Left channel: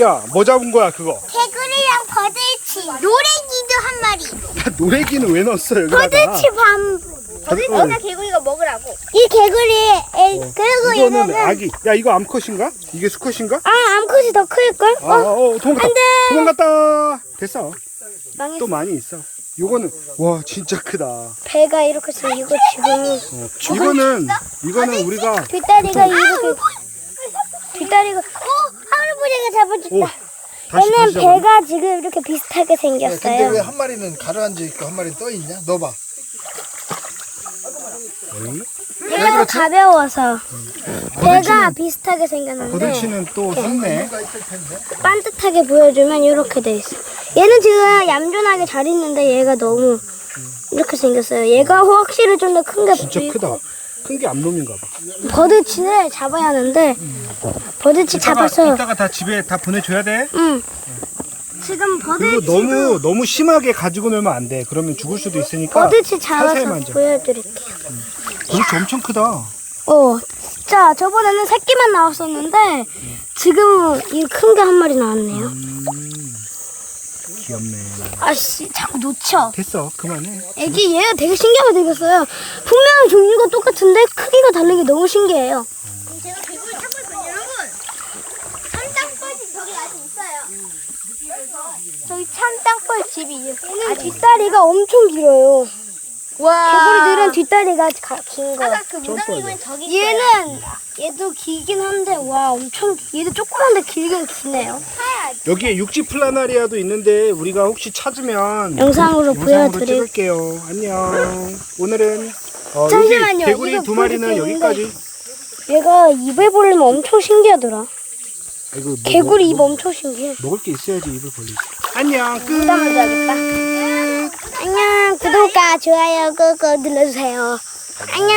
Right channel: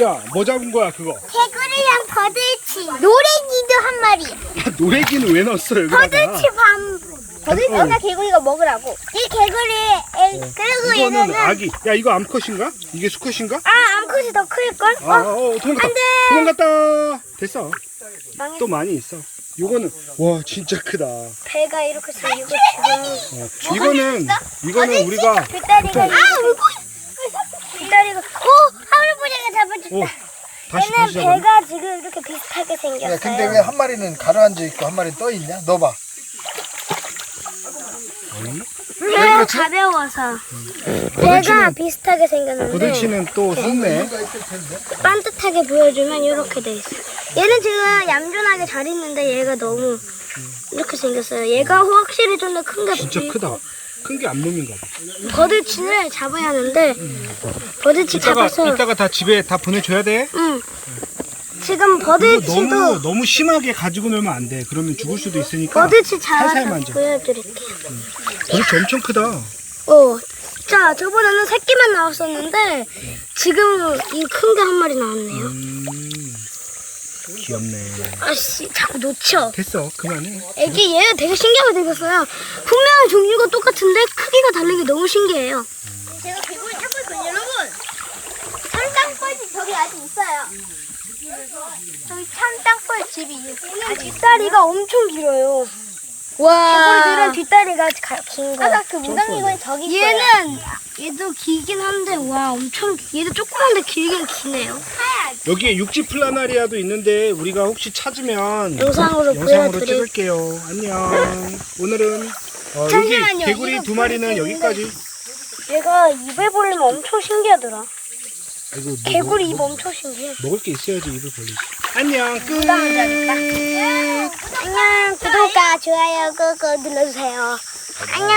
야, 뭐 잡은 거야, 그거? 개구리랑 버들치 노래기도 한 마리 야, 노래기는 왜 넣었어, 여기다가? 버들치 밤 버들- 어. 개구리가 먹으라고 이 개구리 에, 어. 그리고 이거는 얘네는 아기. 야, 이거 암컷인가? 이게 수컷인가? 아 암컷이 더 클걸? 아, 어, 도망갔다. 도망갔다. 됐어. 망했어. 또 많이 있어. 요거는, 와, 진짜 크다. 어, 배가 이렇게 생기고 지금이 이거는, 이거는 우리가, 뒷다리가 이렇게 뒷다리가 어 할아버지가 잡아줬다 오, 다시, 얘는 다시 잡았네. 배가 지금 이렇게 비슷하게 야, 생겼어요 근데 왜 한 마리는 가라앉아 있고 한 마리는 떠 있냐? 넣어봐. 어이? 배가 그렇지? 가벼워서 배가 버들치는, 비슷하게 생겼는데 버들치는 또 속네. 이유가 있을 텐데. 반듯하게 보여주면 이렇게 돼 있어. 얘는 지금 얌전하게 잘 있는데 얘가 너무 이렇게 생겼어요. 얘가 확실히 좀 더 큰 게 진짜 크다. 큰 게 암놈인가 봐. 버드치를 잡아야 하는데 버드치 이따가, 잡아서 이따가 다 집에 다 보내줘야 돼. 응. 지금 그리고 버드치도 너무, 너무 심하게 가지고 놀면 안 돼. 그러면 죽을 수도 있으니까. 버드치 살살 잡아서 만져. 보여드릴게요. 버들치 엄청 크다. 어. 자, 저번에는 새끼만 나왔었는데 지금 이 큰 게 한 마리 나왔네요. 음, 귀엽네. 아씨, 자꾸 놓쳐. 됐어, 그만해. 애기 얘 되게 신기하게 생겼어요. 분명히 종류가 똑같은데 크기가 다르게 너무 신기해요. 저기 아직 있어요. 저기 참땅벌 집이 얘는 뒷다리가 엄청 길어요. 개구리들은 뒷다리가 가- 긴 거. 그 무당이건 저기 얘는 얘도 길긴 한데 와 엄청 얘도 조그만데 길긴 기네요. 여기에 육지 플라나리아도 있는데 우리가 혹시 찾으면 영상으로 영상으로 보여드릴- 찍을게요. 안녕. 오늘은 어, 여기 잠시만요. 개구리 이거 두 마리는. 여기까지. 얘가 입을 벌리면 엄청 신기하더라. 아이고, 뭐, 개구리 입 뭐, 엄청 신기해. 먹을 게 있어야지 입을 벌리지. 안녕. 끝. 안녕 구독과 좋아요 꾹꾹 눌러주세요 안녕